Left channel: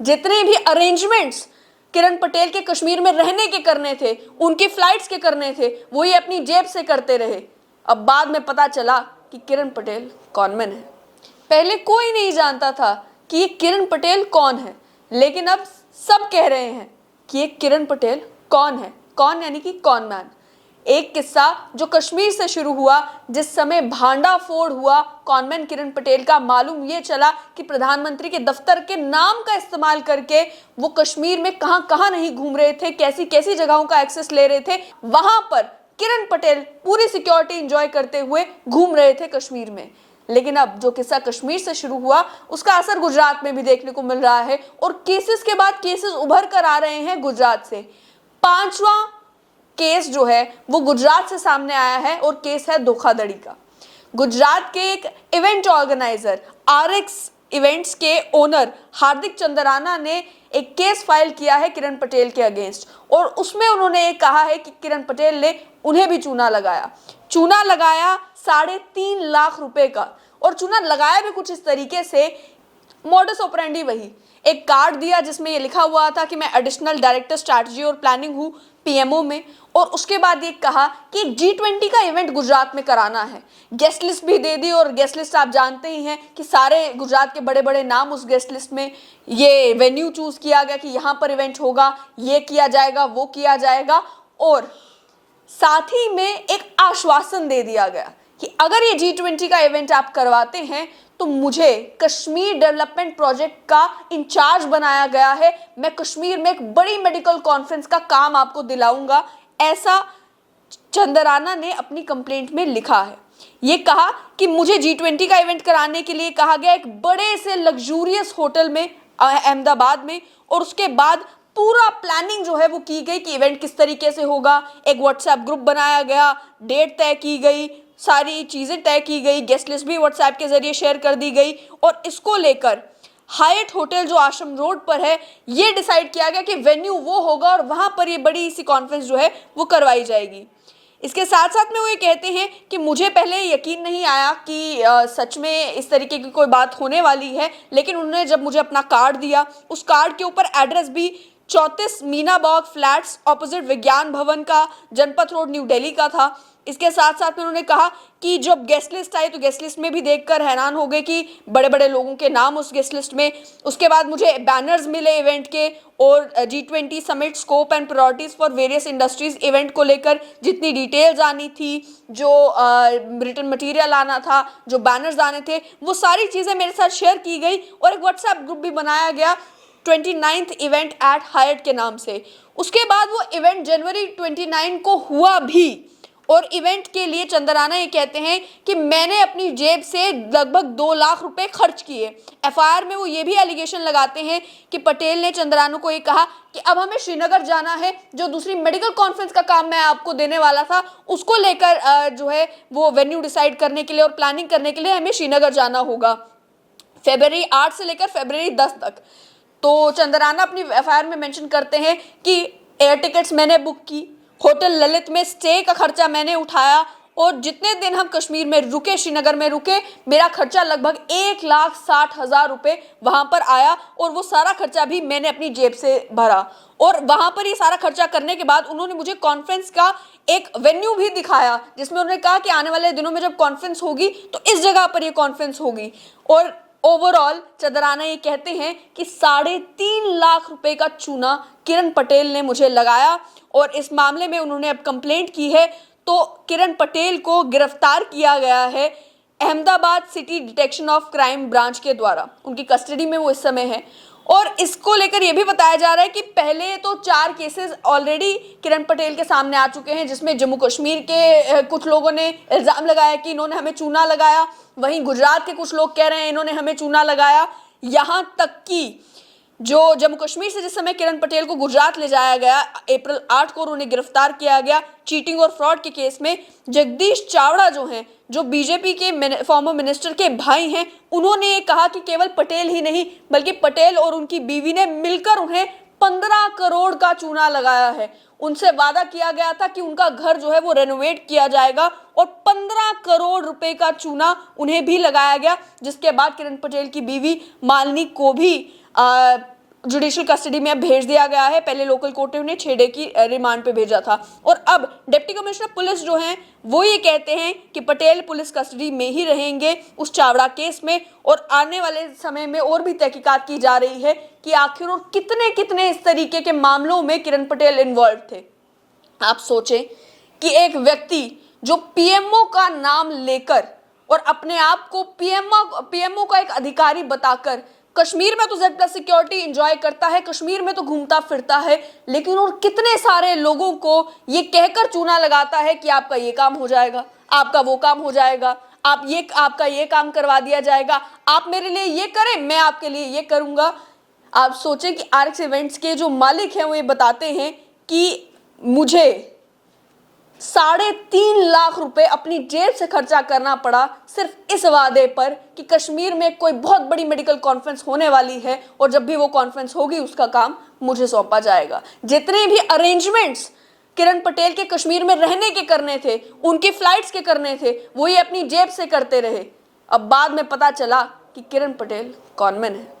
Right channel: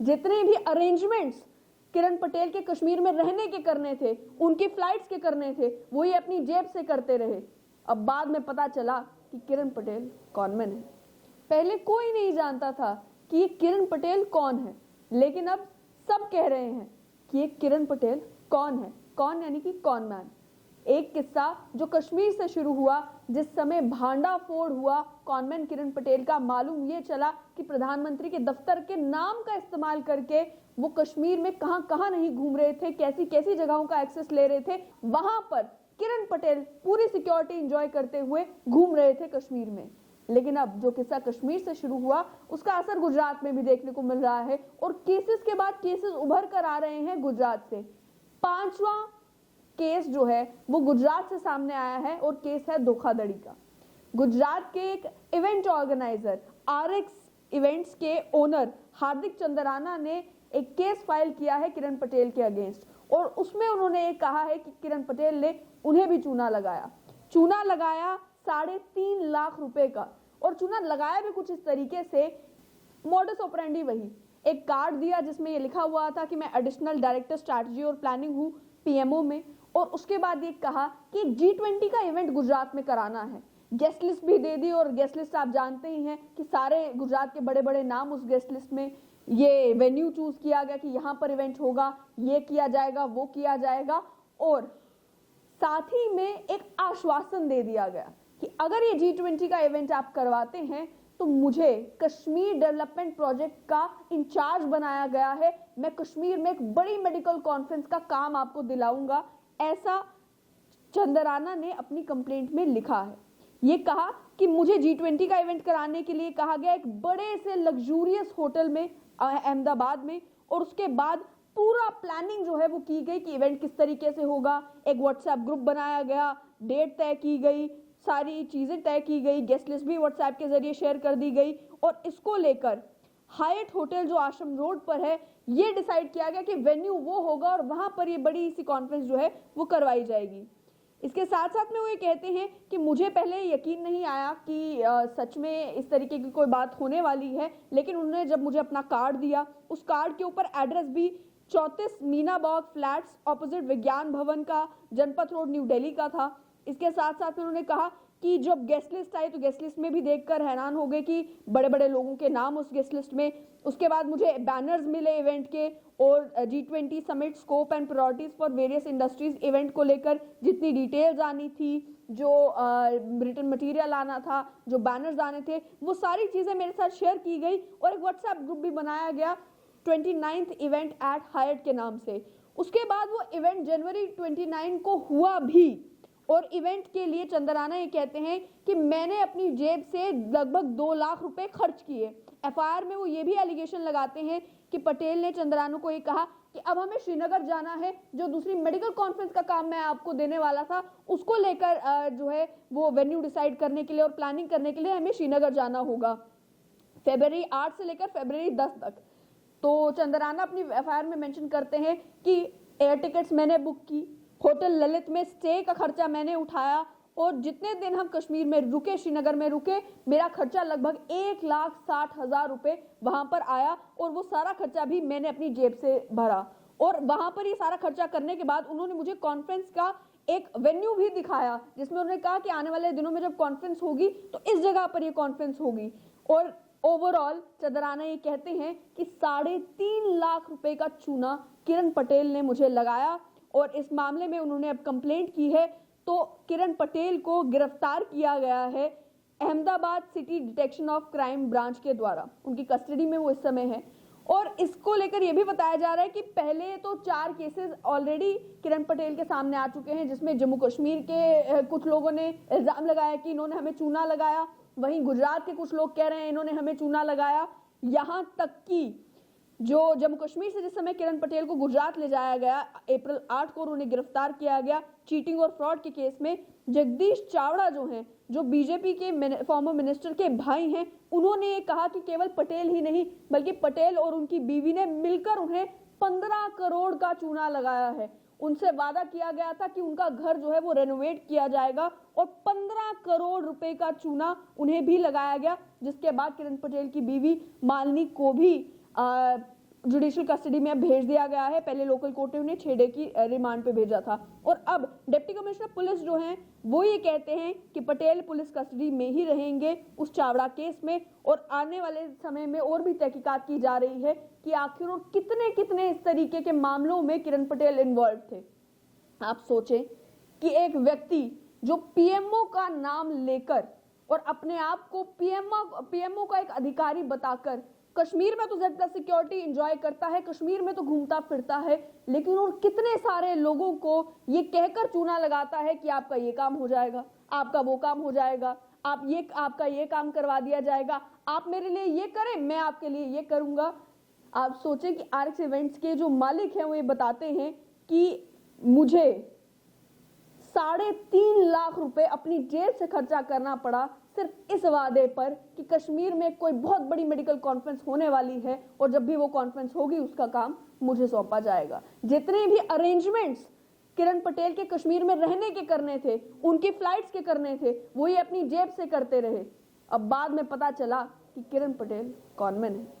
जितने भी अरेंजमेंट्स किरण पटेल के कश्मीर में रहने के करने थे, उनकी फ्लाइट्स के करने थे, वो ये अपनी जेब से करते रहे। अब बाद में पता चला कि किरण पटेल कॉनमैन है। पहले कोई नहीं जानता था कि ये किरण पटेल कौन है, लेकिन अब सब कह रहे हैं कि ये किरण पटेल कौन है। कौन यानी कि कॉनमैन। एक किस्सा जो कश्मीर से शुरू हुआ, जिस समय भांडाफोड़ हुआ कॉनमैन किरण पटेल का, मालूम ये चला कि प्रधानमंत्री के दफ्तर के नाम का इस्तेमाल करके वो कश्मीर में कहां कहां नहीं घूम रहे थे, कैसी कैसी जगहों का एक्सेस ले रहे थे। वहां पर किरण पटेल पूरी सिक्योरिटी एंजॉय करते हुए घूम रहे थे कश्मीर में। लेकिन अब जो किस्सा कश्मीर से शुरू हुआ, उसका असर गुजरात में भी देखने को मिल रहा है और केसेस के बाद केसेस उभर कर आ रहे हैं गुजरात से। 5वां केस जो है वो गुजरात से सामने आया है और केस है धोखाधड़ी का। गुजरात के एक इवेंट ऑर्गेनाइजर आरएक्स इवेंट्स के ओनर हार्दिक चंद्राना ने एक केस फाइल किया है किरण पटेल के अगेंस्ट, और उसमें उन्होंने एक कहा है कि किरण पटेल ने उन्हें भी चूना लगाया 3.5 लाख रुपए का। और चूना लगाया भी कुछ इस तरीके से, मॉडस ऑपरेंडी वही, एक कार्ड दिया जिसमें ये लिखा हुआ था कि मैं एडिशनल डायरेक्टर स्ट्रैटेजी और प्लानिंग हूँ पीएमओ में, और उसके बाद ये कहा कि G20 का इवेंट गुजरात में कराना है। गेस्ट लिस्ट भी दे दी, और गेस्ट लिस्ट आप जानते ही हैं कि सारे गुजरात के बड़े बड़े नाम उस गेस्ट लिस्ट में। ये वेन्यू चूज किया गया कि यहाँ पर इवेंट होगा, ये किया जाएगा, वो किया जाएगा, और साथ ही में एक आश्वासन दे दिया गया कि अगर ये G20 का इवेंट आप करवाते हैं तो मुझे कश्मीर डेवलपमेंट प्रोजेक्ट का इंचार्ज बनाया गया है, मैं कश्मीर में एक बड़ी मेडिकल कॉन्फ्रेंस का काम आपको दिलाऊंगा। ऐसा चंद्राना ने अपनी कंप्लेंट में लिखा है। ये कहा कि मुझे G20 का इवेंट कराने के लिए कहा गया एक बड़े से लग्जूरियस होटल में अहमदाबाद में, और उसके बाद पूरा प्लानिंग जो है वो की गई कि इवेंट किस तरीके से होगा। एक व्हाट्सएप ग्रुप बनाया गया, डेट तय की गई, सारी चीजें तय की गई, गेस्ट लिस्ट भी व्हाट्सएप के जरिए शेयर कर दी गई, और इसको लेकर हायट होटल जो आश्रम रोड पर है, ये डिसाइड किया गया कि वेन्यू वो होगा और वहां पर ये बड़ी सी कॉन्फ्रेंस जो है वो करवाई जाएगी। इसके साथ साथ में वो ये कहते हैं कि मुझे पहले यकीन नहीं आया कि सच में इस तरीके की कोई बात होने वाली है, लेकिन उन्होंने जब मुझे अपना कार्ड दिया, उस कार्ड के ऊपर एड्रेस भी 34 मीना बाग फ्लैट्स ऑपोजिट विज्ञान भवन का, जनपथ रोड, न्यू दिल्ली का था। इसके साथ साथ में उन्होंने कहा कि जब गेस्ट लिस्ट आई तो गेस्ट लिस्ट में भी देखकर हैरान हो गए कि बड़े बड़े लोगों के नाम उस गेस्ट लिस्ट में। उसके बाद मुझे बैनर्स मिले इवेंट के, और G20 summit scope and priorities for various industries event को लेकर जितनी डिटेल्स आनी थी, जो रिटन मटेरियल आना था, जो बैनर्स आने थे, वो सारी चीज़ें मेरे साथ शेयर की गई, और एक व्हाट्सएप ग्रुप भी बनाया गया 29th इवेंट एट हायट के नाम से। उसके बाद वो इवेंट जनवरी 29 को हुआ भी, और इवेंट के लिए चंद्राना ये कहते हैं कि मैंने अपनी जेब से लगभग 2 लाख रुपए खर्च किए। एफआईआर में वो ये भी एलिगेशन लगाते हैं कि पटेल ने चंद्राना को ये कहा कि अब हमें श्रीनगर जाना है, जो दूसरी मेडिकल कॉन्फ्रेंस का काम मैं आपको देने वाला था, उसको लेकर जो है वो वेन्यू डिसाइड करने के लिए और प्लानिंग करने के लिए हमें श्रीनगर जाना होगा फरवरी 8 से लेकर फरवरी 10 तक। तो चंद्राना अपनी एफआईआर में मेंशन करते हैं कि एयर टिकट्स मैंने बुक की, होटल ललित में स्टे का खर्चा मैंने उठाया, और जितने दिन हम कश्मीर में रुके, श्रीनगर में रुके, मेरा खर्चा लगभग 1,60,000 रुपये वहाँ पर आया, और वो सारा खर्चा भी मैंने अपनी जेब से भरा। और वहाँ पर ये सारा खर्चा करने के बाद उन्होंने मुझे कॉन्फ्रेंस का एक वेन्यू भी दिखाया, जिसमें उन्होंने कहा कि आने वाले दिनों में जब कॉन्फ्रेंस होगी तो इस जगह पर ये कॉन्फ्रेंस होगी। और ओवरऑल चंद्राना ये कहते हैं कि 3.5 लाख रुपए का चूना किरण पटेल ने मुझे लगाया, और इस मामले में उन्होंने अब कंप्लेंट की है। तो किरण पटेल को गिरफ्तार किया गया है Ahmedabad city detection of crime branch के द्वारा, उनकी कस्टडी में वो इस समय है। और इसको लेकर यह भी बताया जा रहा है कि पहले तो 4 केसेस ऑलरेडी किरण पटेल के सामने आ चुके हैं, जिसमें जम्मू कश्मीर के कुछ लोगों ने इल्ज़ाम लगाया कि इन्होंने हमें चूना लगाया, वहीं गुजरात के कुछ लोग कह रहे हैं इन्होंने हमें चूना लगाया। यहाँ तक कि जो जम्मू कश्मीर से जिस समय किरण पटेल को गुजरात ले जाया गया, अप्रैल 8 को उन्हें गिरफ्तार किया गया चीटिंग और फ्रॉड के केस में, जगदीश चावड़ा जो हैं, जो बीजेपी के फॉर्मर मिनिस्टर के भाई हैं, उन्होंने ये कहा कि केवल पटेल ही नहीं बल्कि पटेल और उनकी बीवी ने मिलकर उन्हें 15 करोड़ का चूना लगाया है। उनसे वादा किया गया था कि उनका घर जो है वो रेनोवेट किया जाएगा, और 15 करोड़ रुपए का चूना उन्हें भी लगाया गया, जिसके बाद किरण पटेल की बीवी मालिनी को भी जुडिशियल कस्टडी में अब भेज दिया गया है। पहले लोकल कोर्ट ने उन्हें 6 डे की रिमांड पे भेजा था और अब डिप्टी कमिश्नर पुलिस जो हैं वो ये कहते हैं कि पटेल पुलिस कस्टडी में ही रहेंगे उस चावड़ा केस में, और आने वाले समय में और भी तहकीकात की जा रही है कि आखिर और कितने कितने इस तरीके के मामलों में किरण पटेल इन्वॉल्व थे। आप सोचें कि एक व्यक्ति जो पीएमओ का नाम लेकर और अपने आप को पीएमओ का एक अधिकारी बताकर कश्मीर में तो Z+ सिक्योरिटी एंजॉय करता है, कश्मीर में तो घूमता फिरता है, लेकिन और कितने सारे लोगों को ये कहकर चूना लगाता है कि आपका ये काम हो जाएगा, आपका वो काम हो जाएगा, आपका ये काम करवा दिया जाएगा, आप मेरे लिए ये करें, मैं आपके लिए ये करूंगा। आप सोचें कि RX इवेंट्स के जो मालिक हैं वो ये बताते हैं कि मुझे 3.5 लाख रुपए अपनी जेब से खर्चा करना पड़ा सिर्फ इस वादे पर कि कश्मीर में कोई बहुत बड़ी मेडिकल कॉन्फ्रेंस होने वाली है और जब भी वो कॉन्फ्रेंस होगी उसका काम मुझे सौंपा जाएगा। जितने भी अरेंजमेंट्स किरण पटेल के कश्मीर में रहने के करने थे, उनकी फ्लाइट्स के करने थे, वो ये अपनी जेब से करते रहे। अब बाद में पता चला कि किरण पटेल कॉनमैन है।